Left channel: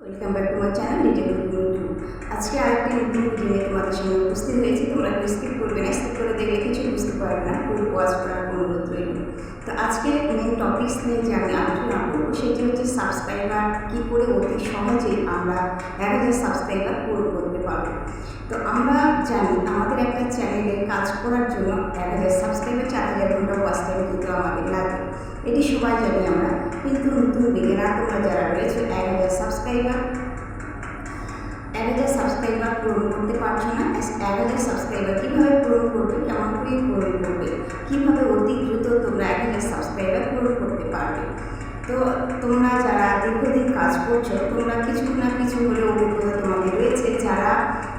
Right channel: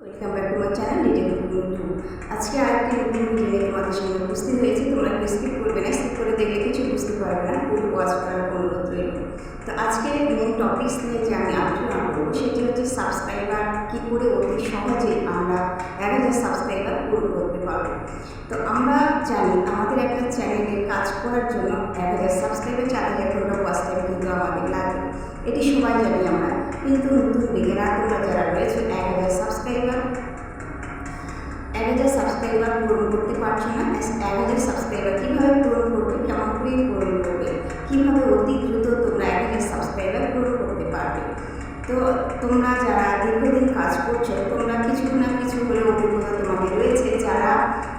Welcome back to my channel detail two. আজকে আরেকটি নতুন ভিডিও নিয়ে তোমাদের সঙ্গে উপস্থিত হয়েছি। তোমরা কেউ স্কিপ করবে না, স্কিপ করে দেখলে কিছু বুঝতে পারবে না, ফুল ওয়াচ করার অনুরোধ রইল। তো আজকে মেন টপিকস নিয়ে যে আমি আলোচনা করবো সেটি হচ্ছে সাবস্ক্রাইবার কী করে অতি সহজেই আমরা 1000 সাবস্ক্রাইবার পূরণ করতে পারবো। তো আমরা জানি আমাদের একটা চ্যানেলে কাজ করার জন্য 1000 সাবস্ক্রাইবার 4000 ঘন্টা ওয়াচ টাইম কিন্তু আমাদের লাগে, এটি সবাই জানি আমরা। কিন্তু নতুন বিগিনার তোমরা যারা রয়েছে 1000 সাবস্ক্রাইবার পূরণ করতে পারছো না, 1000 সাবস্ক্রাইবার কীভাবে পূরণ করবে, কেমন করে পূরণ করবে, কীভাবে অতি দ্রুত তোমরা 1000 সাবস্ক্রাইবার পূরণ করতে পারবে। তো তোমরা যারা দীর্ঘদিন কাজ করছো তোমরা কিছু না কিছু হলে অভিজ্ঞতা তোমাদের রয়েছে। যারা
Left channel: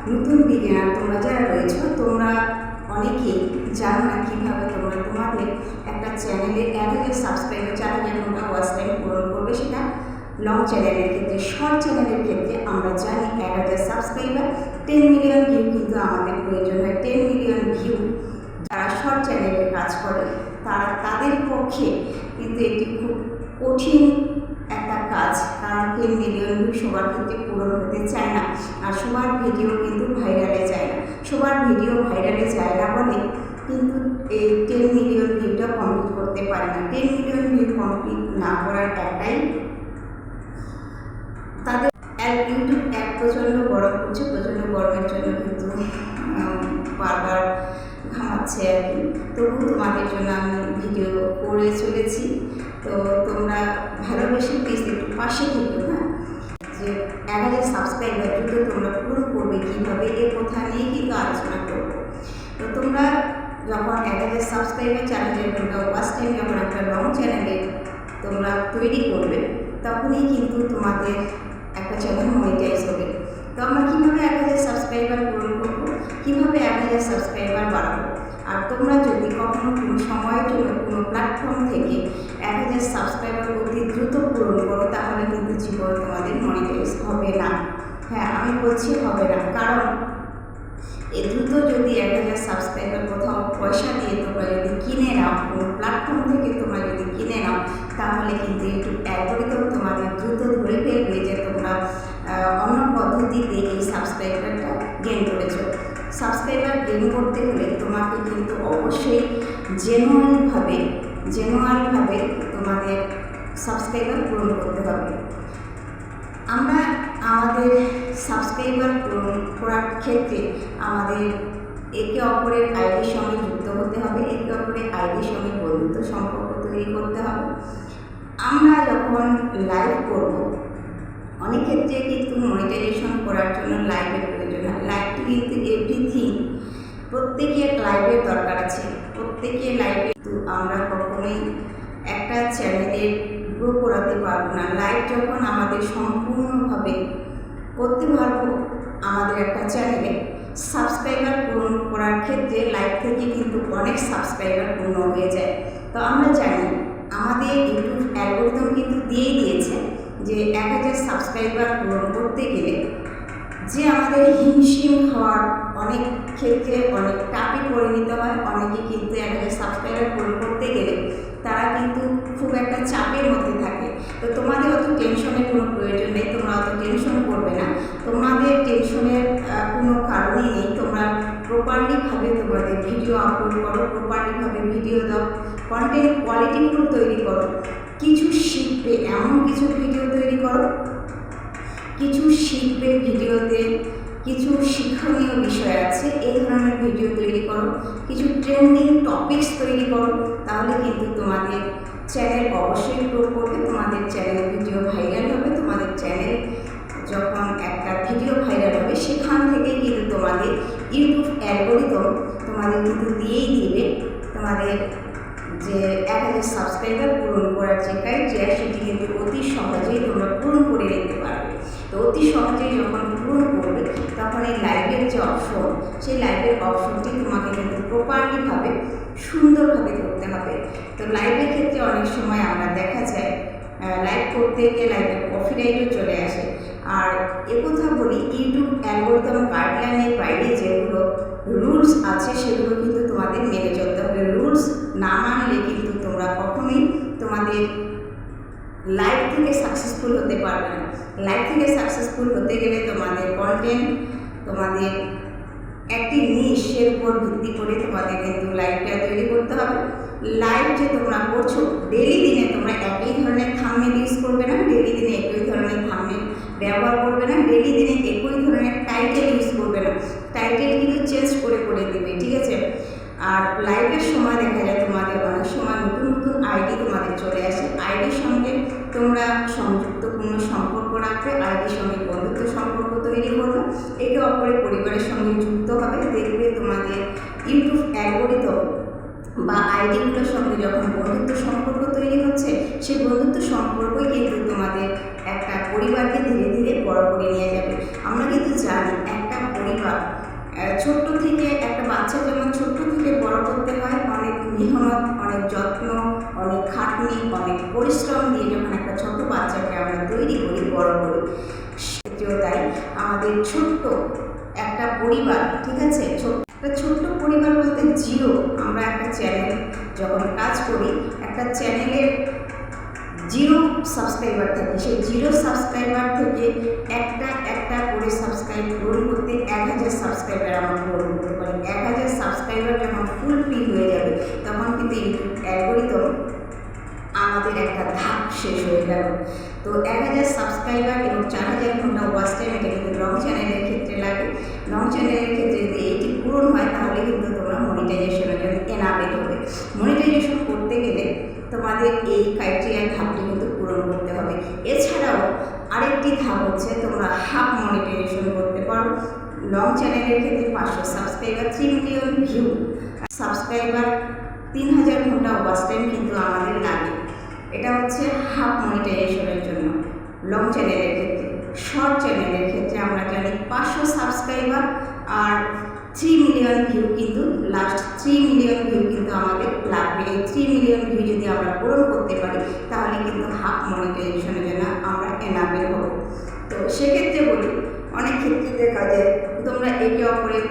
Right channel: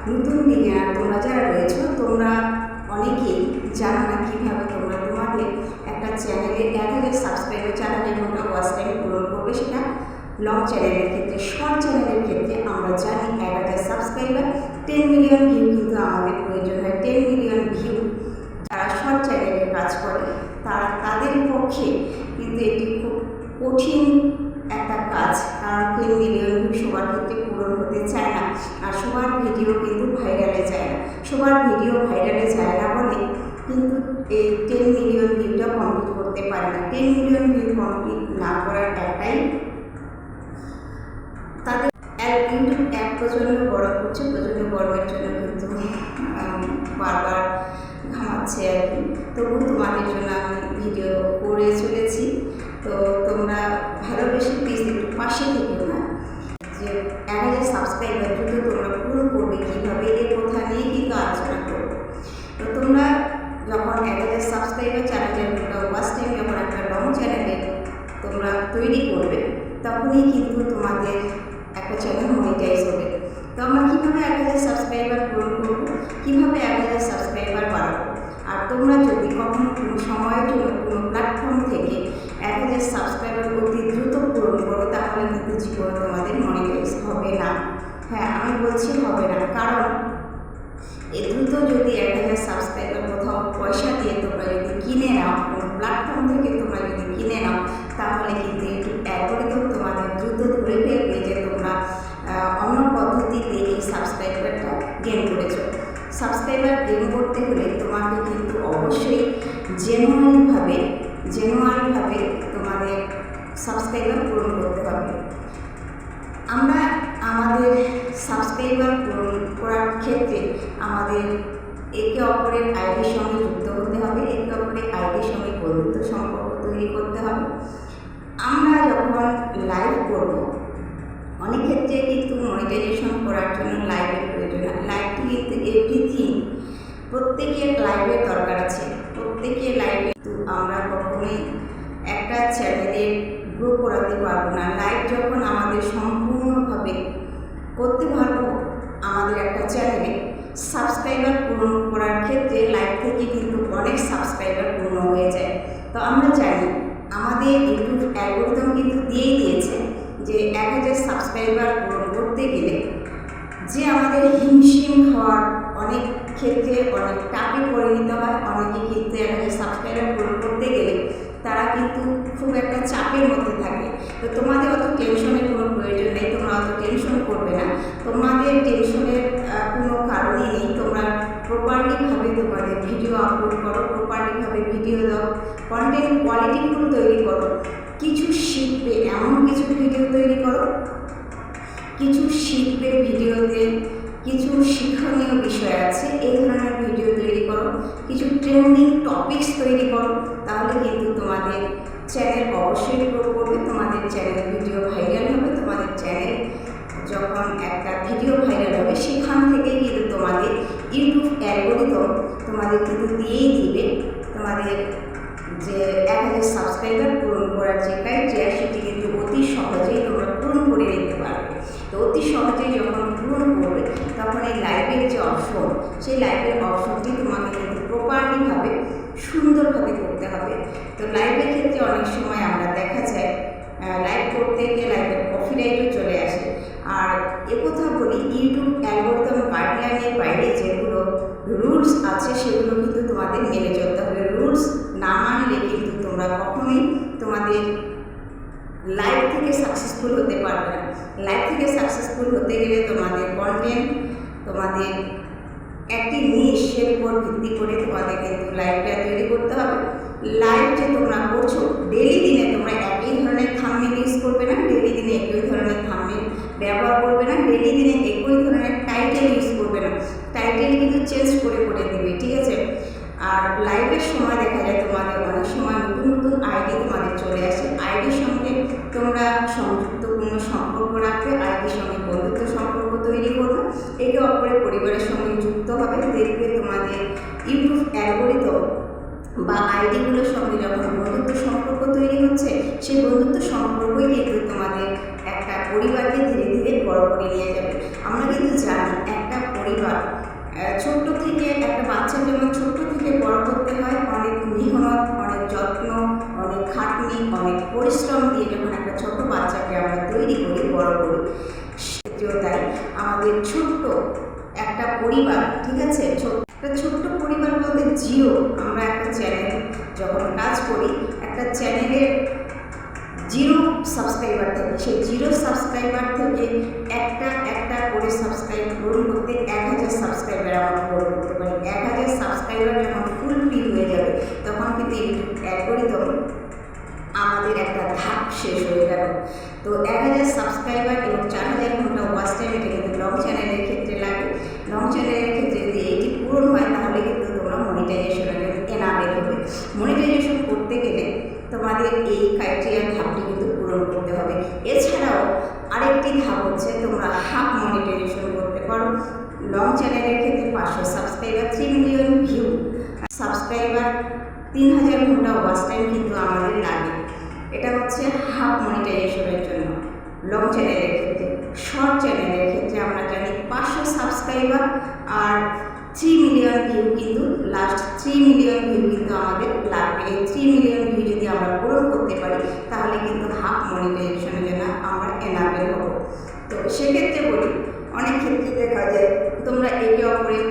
নতুন বিগিনার তোমরা যারা রয়েছো তোমরা অনেকেই জানো না কীভাবে তোমরা তোমাদের একটা চ্যানেলে 1000 সাবস্ক্রাইবার 4000 ঘন্টা ওয়াচ টাইম পূরণ করবে। সেটা লং চ্যানেলের ক্ষেত্রে, শর্ট চ্যানেলের ক্ষেত্রে আমরা জানি 1000 সাবস্ক্রাইবার 10 মিলিয়ন ভিউ কিন্তু আমাদের প্রয়োজন হয়। 10 মিলিয়ন ভিউ যারা শর্ট চ্যানেলে কাজ করে তাদের পক্ষে কিন্তু এটি খুব কঠিন একটা কাজ, কারণ 10 মিলিয়ন ভিউ সবার ক্ষেত্রে পূরণ হতে চায় না, আর সবার ভিডিও কিন্তু ভাইরালে যায় না। সবার ভিডিও ভাইরালে যায় না বলে কিন্তু এই 10 মিলিয়ন ভিউটা কমপ্লিট করতে পারে না। 10 মিলিয়ন ভিউ কমপ্লিট না করার একটাই তাদের ইউটিউব অ্যাপ প্রচণ্ড গরম করছে, প্রচণ্ড গরমের জন্য কিন্তু বারবার ঘামাচ্ছে আর কি। তবু তোমাদের জন্য আমি ভিডিও করে চলেছি, তো তোমরা ভালোবেসে প্লিজ একটু পাশে থেকো। হ্যাঁ, যে 1000 সাবস্ক্রাইবার দ্রুত তোমরা পূরণ করবে কীভাবে, এর কথা নিয়ে কিন্তু আলোচনা করবো। তো তোমরা যখন 1000 সাবস্ক্রাইবার 4000 ঘন্টা ওয়াচ টাইম যখন একটা লং চ্যানেলে তোমরা তৈরি করবে তখনই কিন্তু তোমাদের একটা চ্যানেল মনিটাইজ হবে। তো আমরা কীভাবে 1000 সাবস্ক্রাইবার পূরণ করবো, কীভাবে 1000 সাবস্ক্রাইবার বাড়াবো। আর তোমরা যদি কখনো কোনো সময়ের জন্য কোনো প্ল্যাটফর্ম থেকে 1000 সাবস্ক্রাইবার অতি দ্রুত পূরণ করো তাহলে কিন্তু জীবনে তোমাদের মনিটাইজ হবে না। হ্যাঁ, আমি বলছি হবে না, কারণ এই দ্রুত যদি 1000 সাবস্ক্রাইবার কোথাও পয়সা দিয়ে তোমরা যদি কিনে নাও, কোনো প্ল্যাটফর্ম থেকে তোমরা যদি কিনে নাও তাহলে কিন্তু ইউটিউব অ্যালগরিদম তোমাদের দ্রুত ধরে ফেলবে যে তোমরা অন্য পদ্ধতিতে এই সাবস্ক্রাইবারটা গেইন করেছো। সাবস্ক্রাইবার গেইন করতে হলে তোমাকে কিন্তু অবশ্যই জেনুয়ানভাবে তোমাদের সাবস্ক্রাইবার পূরণ করতে হবে। আমরা আমাদের সাবস্ক্রাইবার পূরণ করার ক্ষেত্রে আমাদের একে অপরের আইডির সঙ্গে যুক্ত হতে হবে, একে অপরের আইডির সঙ্গে বন্ধুত্ব সম্পর্ক তৈরি করতে হবে। আমরা যখন লাইভ করব, অনেক ক্ষেত্রে কিন্তু মনিটাইজেশন করার জন্য লাইভের প্রয়োজন হয়। লাইভটি কিন্তু এভরিথিং, প্রত্যেকের লাইভের দরকার আছে, প্রত্যেকের লাইভে কিন্তু আমরা কখনোই একটা চ্যানেলের গ্রো করাতে পারবো না। লাইভ যখন আমাদের সম্পূর্ণভাবে করতে পারবো আমাদের একটা চ্যানেলে সাবস্ক্রাইবার পূরণ করার ক্ষেত্রে লাইভ থেকে কিন্তু অনেক সাবস্ক্রাইবার পূর্ণ হয়ে যায়। তো আমরা জানি আমাদের ইউটিউব অ্যালগরিদম কিন্তু দিয়েই দিয়েছে যে 1000 সাবস্ক্রাইবার পূরণ করতে গেলে যে আমাদের হিমশিম খাওয়ার অনেক ক্ষেত্রে অনেক টাপে পরিণত হয়। অনেকে কিন্তু 1000 সাবস্ক্রাইবার পূরণ করতে গেলে তারা কিন্তু খুব একটা চাপের মধ্যে থাকে। তো তোমাদের অত টেনশনের কোনো প্রয়োজন নেই, তোমরা অত টেনশন করবে না, তোমাদের টেনশনের কোনো কারণই নেই। তোমরা প্রপারলিভাবে তোমাদের ভিডিও আপলোড করো, প্রপারলিভাবে ভিডিও দাও, কন্টেন্ট কোয়ালিটিফুল তৈরি করো, কিছু শিখবে এমন কিছু ভিডিও তৈরি করো, কিছু শিখবে ভিডিওতে, কিছু শিক্ষণীয় বিষয় আছে এই ধরনের ভিডিও তৈরি করো, কিছু ট্রেন্ডিং টপিকস তৈরি করো, তাহলে কিন্তু তোমাদের চ্যানেল অবশ্যই গ্রো করবে, তোমাদের চ্যানেল ভিডিও ভাইরাল হবে। তোমাদের চ্যানেল যখন একটা ভিডিও ভাইরাল হবে সেখান থেকে কিন্তু তোমাদের ইউটিউব অ্যালগরিদম তোমাদের কিন্তু দিয়েই দিবে তোমাদের যে 1000 সাবস্ক্রাইবার পূরণ করার যে ক্রাইটেরিয়া সেটি কিন্তু অতি সহজেই তোমরা পূরণ করে নিতে পারবে। তো অতি সহজেই যখন পূরণ করবে তখন এই লাইভের যে অপশন, সেই লাইভের অপশনটি তোমাকে কিন্তু প্রপারলিভাবে সুন্দরভাবে করতে হবে। তো লাইভের ক্ষেত্রে অনেক সময় আমরা দেখা যায় লাইভ করতে গিয়ে লাইভের কপিরাইটও চলে আসে। আর একথা বলি, ইউটিউব অ্যালগরিদম গাইডলাইনের বাইরে যেগুলো রুলস আছে সেগুলো কিন্তু তোমাদের মেনে চলতে হবে। রুলস না মানলে কিন্তু তোমরা কখনোই তোমাদের লাইভ থেকে সাকসেসফুল হতে পারবে না। লাইভ থেকে সাকসেসফুল হতে গেলে তোমাদের কন্টেন্ট, তোমাদের একটি নিশের উপর ভিত্তি করে তোমাদের কিন্তু লাইভটা তৈরি করতে হবে। লাইভ যে তোমরা করছো, ডেলি দিনে তোমরা একই ধরনের থাম্বনেল ইউজ করবে না, ডেলি দিনে একই ধরনের থাম্বনেল ব্যবহার করবে না, ডেলি দিনে একই ধরনের টাইটেল ইউজ করবে না, টাইটেল কিন্তু চেঞ্জ করে করে দিবে, ঠিক আছে। আর লাইভের সময় দেখা যায় তোমাদের অনেক সময় নতুন নতুন আইডি তোমাদের চলে আসে, আইডির সঙ্গে তোমরা সংযুক্তপূর্ণ সম্পর্ক রাখবে, আইডির সঙ্গে বন্ধুত্ব সম্পর্ক তৈরি করবে, একে অপরের পরিবারের সঙ্গে যুক্ত হবে। দেখবে তোমাদের ইউটিউব অ্যালগরিদম বা আইডিগুলোর সঙ্গে যখন বন্ধুত্ব সম্পর্ক তৈরি হচ্ছে, সেই বন্ধুত্ব সম্পর্কই কিন্তু তোমাদের একটা পরিবারকে ধীরে ধীরে বড় করে নিয়ে যাবে। আমরা কিন্তু জানি একটা পরিবার ছোট্ট থেকে, একটা বাচ্চা যেমন ছোট্ট থেকে বড় করতে হয় অনেক মেহনত, অনেক যত্ন, অনেক খাটনি, অনেক পরিশ্রম দিয়ে যখন একটা ছোট বাচ্চাকে আমরা তৈরি করি, বড় করি, সেটিও তাই আমাদের ছোট্ট একটা পরিবার, ঠিক আছে। একটা ছোট্ট পরিবার বলতে জিরো, আমরা একটা চ্যানেল যখন কাজ করি, একটা চ্যানেলের জিরো সাবস্ক্রাইবার থাকে, সেই জিরো সাবস্ক্রাইবার থেকে একটা একটা করে সাবস্ক্রাইব পূরণ করতে 1000 সাবস্ক্রাইবার আমরা পূরণ করতে পারি। 1000 সাবস্ক্রাইবার যখন ফুলফিল হয়ে যাবে, তখন কিন্তু ইউটিউব অ্যালগরিদম আমাদের একটা ধাপ শেষ হয়ে গেল। তো 1000 সাবস্ক্রাইবার এবং 4000 ঘন্টা ওয়াচ টাইম, এটা কিন্তু লং চ্যানেলের ক্ষেত্রে লাগে। লং চ্যানেলের ক্ষেত্রে যদি এটি পূরণ হয়, তাহলে কিন্তু তোমরা মনিটাইজেশনের জন্য এনাবেল হবে। মনিটাইজেশন করতে গেলে তোমাদের এই ক্রাইটেরিয়া ধাপটি কিন্তু পূরণ করতে হবে। এছাড়াও আরেকটি ধাপ হচ্ছে, তোমরা হাফ মনিটাইজেশন করতে পারো। লং চ্যানেলের ক্ষেত্রে 500 সাবস্ক্রাইবার, 3 মিলিয়ন ভিউ, সাবস্ক্রাইবার, 3000 ঘন্টা ওয়াচ টাইম কিন্তু আমাদের লাগে। এটা হচ্ছে হাফ মনিটাইজেশনের জন্য লং চ্যানেলের ক্ষেত্রে। শর্ট চ্যানেলের ক্ষেত্রে আমরা জানি 500 সাবস্ক্রাইবার আর 3 মিলিয়ন ভিউ, কিন্তু লাস্ট 3 মিলিয়ন ভিউ কিন্তু আমাদের লাগবে। এই 3 মিলিয়ন ভিউ যদি আমরা পূরণ করতে পারি, তাহলে কিন্তু হাফ মনিটাইজেশনের জন্য আমরা এনাবেল হব। তো সেক্ষেত্রে বলি, অনেক ক্ষেত্রে দেখা যায় তোমরা একে অপরের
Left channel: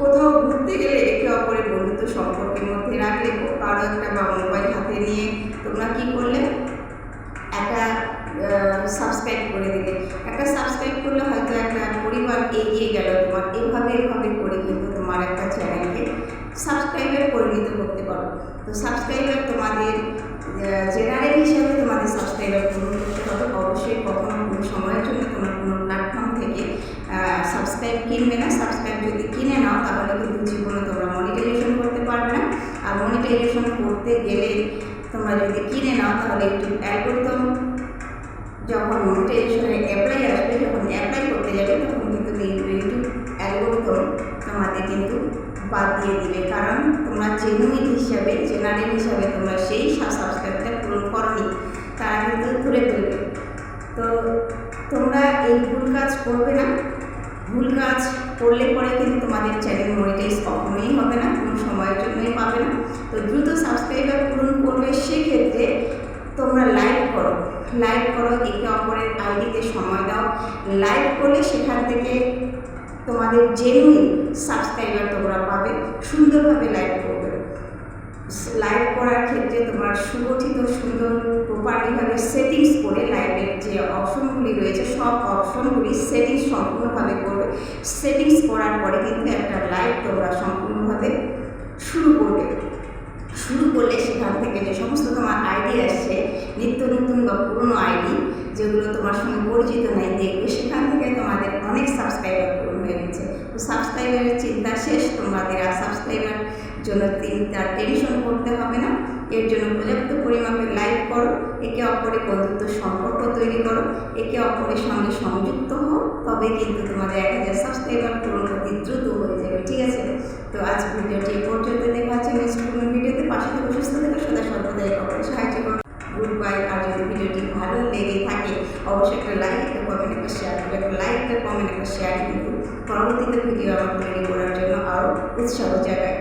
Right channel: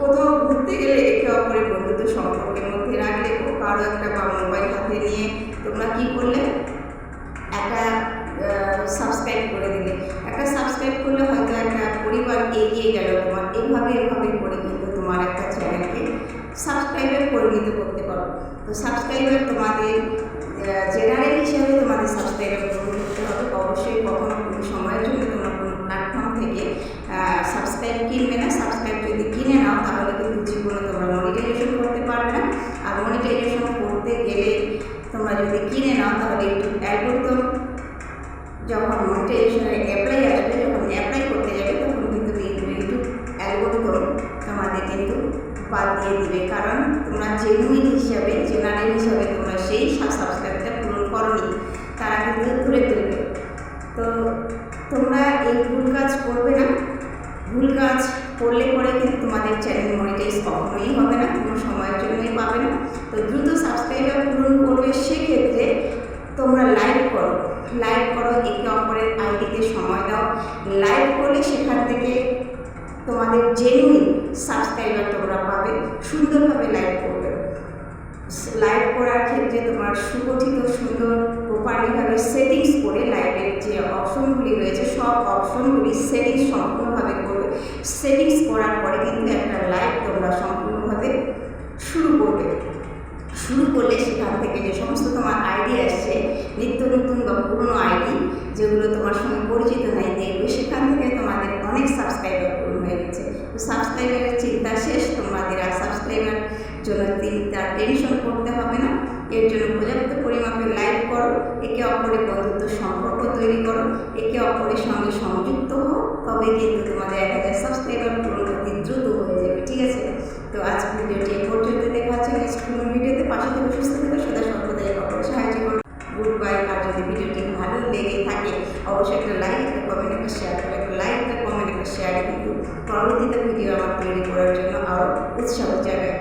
কোথাও ঘুরতে গেলে একে অপরের বন্ধুত্ব সম্পর্কের মধ্যে রাখলে, কারো একটা বা মোবাইল হাতে নিয়ে তোমরা কি করলে, একটা সাবস্ক্রাইব করে দিলে, একটা সাবস্ক্রাইব করলে হয়তো একটা পরিবার এগিয়ে গেল তোমার। এভাবে করে কিন্তু তোমার একটা চ্যানেলকে সাবস্ক্রাইবার পরিণত করতে পারো। তো সাবস্ক্রাইবার তোমাদের জেনারেল হিসাবে তোমাদের সাবস্ক্রাইবার পূরণ করতে হবে। অবশ্যই কখনো কোনো সময়ের জন্য তোমরা কোনো প্ল্যাটফর্ম থেকে সাবস্ক্রাইব কিনবে না। সাবস্ক্রাইব যদি কিনে নাও, তাহলে কিন্তু জীবনে তোমরা মনিটাইজেশন করতে পারবে না। আর মনিটাইজেশন করতে গেলে তোমরা যদি কিনে নাও, তাহলে ইউটিউব অ্যালগরিদম যখন মনিটাইজেশনের অ্যাপ্লাই আসবে, যখন অ্যাপ্লাই করতে যাবে, তখন কিন্তু ইউটিউব অ্যালগরিদম তোমাদের কিন্তু বাদ দিয়ে দিবে, কারণ তোমরা জেনুইন হিসাবে, জেনারেল হিসাবে তোমরা সেই সাবস্ক্রাইবটা পূরণ করোনি, তারা কিন্তু ধরে ফেলবে। তো তোমরা এই ভুল কাজ করবে না। ভুল কাজ করলে পরে কিন্তু তোমাদের চ্যানেল মনিটাইজ কখনোই হবে না, কোনো সময়ের জন্যই পাবে না। তো দ্রুত সাবস্ক্রাইবার পূরণ করবে। সেক্ষেত্রে তোমরা লাইভ করো, একে অপরের আইডিতে সময় দাও। লাইভ করলে সেখান থেকে তোমাদের জেনুইন সাবস্ক্রাইবার তোমরা পাবে। সুন্দরভাবে লাইভ করবে। লাইভ করার ক্ষেত্রে তোমার সুগঠিত, সুন্দর, প্রপারলিভাবে সেটিংস করে লাইভের যে অপশনগুলি রয়েছে, সব অপশনগুলি সেটিংস সম্পূর্ণভাবে করবে। সেটিংস করার পরে কিন্তু একটা লাইভ তোমরা সম্পূর্ণভাবে শুরু করবে। শুরু করলে সেখান থেকে যে সমস্ত তোমার আইডি আসছে, নিত্য নতুন বা পুরনো আইডি যেগুলো তোমার সঙ্গে পরিচিত নাই, দেখবে সেখান থেকে তোমাদের অনেক সাবস্ক্রাইবার পূরণ হয়ে গেছে। তো সাবস্ক্রাইবারের চিন্তা শেষ, তোমাদের আর সাবস্ক্রাইবার জন্য টেনশন করতে হবে না। এর জন্য পর্যাপ্ত পরিমাপে লাইভ করো, একে অপরের বন্ধুত্ব সম্পর্ক তৈরি করো, একে অপরের সঙ্গে সংযুক্ত হও, তবে কিন্তু তোমাদের 1000 সাবস্ক্রাইবার পূরণ অতি দ্রুত হয়ে যাবে, ঠিক আছে। তো আজ ভিডিওটি এ পর্যন্ত, দেখা হচ্ছে নেক্সট কোনো ভিডিওতে। পাশে থেকে সুস্থ থেকে সদা সর্বদা একে অপরের সাহায্য করো। Good bye. আর যদি ভিডিওটি ভালো লেগে থাকে, অবশ্যই একটা লাইক, একটা কমেন্ট, একটা শেয়ার করবে। একটা লাইক, একটা কমেন্ট, একটা শেয়ারে কিন্তু পরবর্তীতে ভিডিও আমার তৈরি করার জন্য আরও উৎসাহ জাগায়।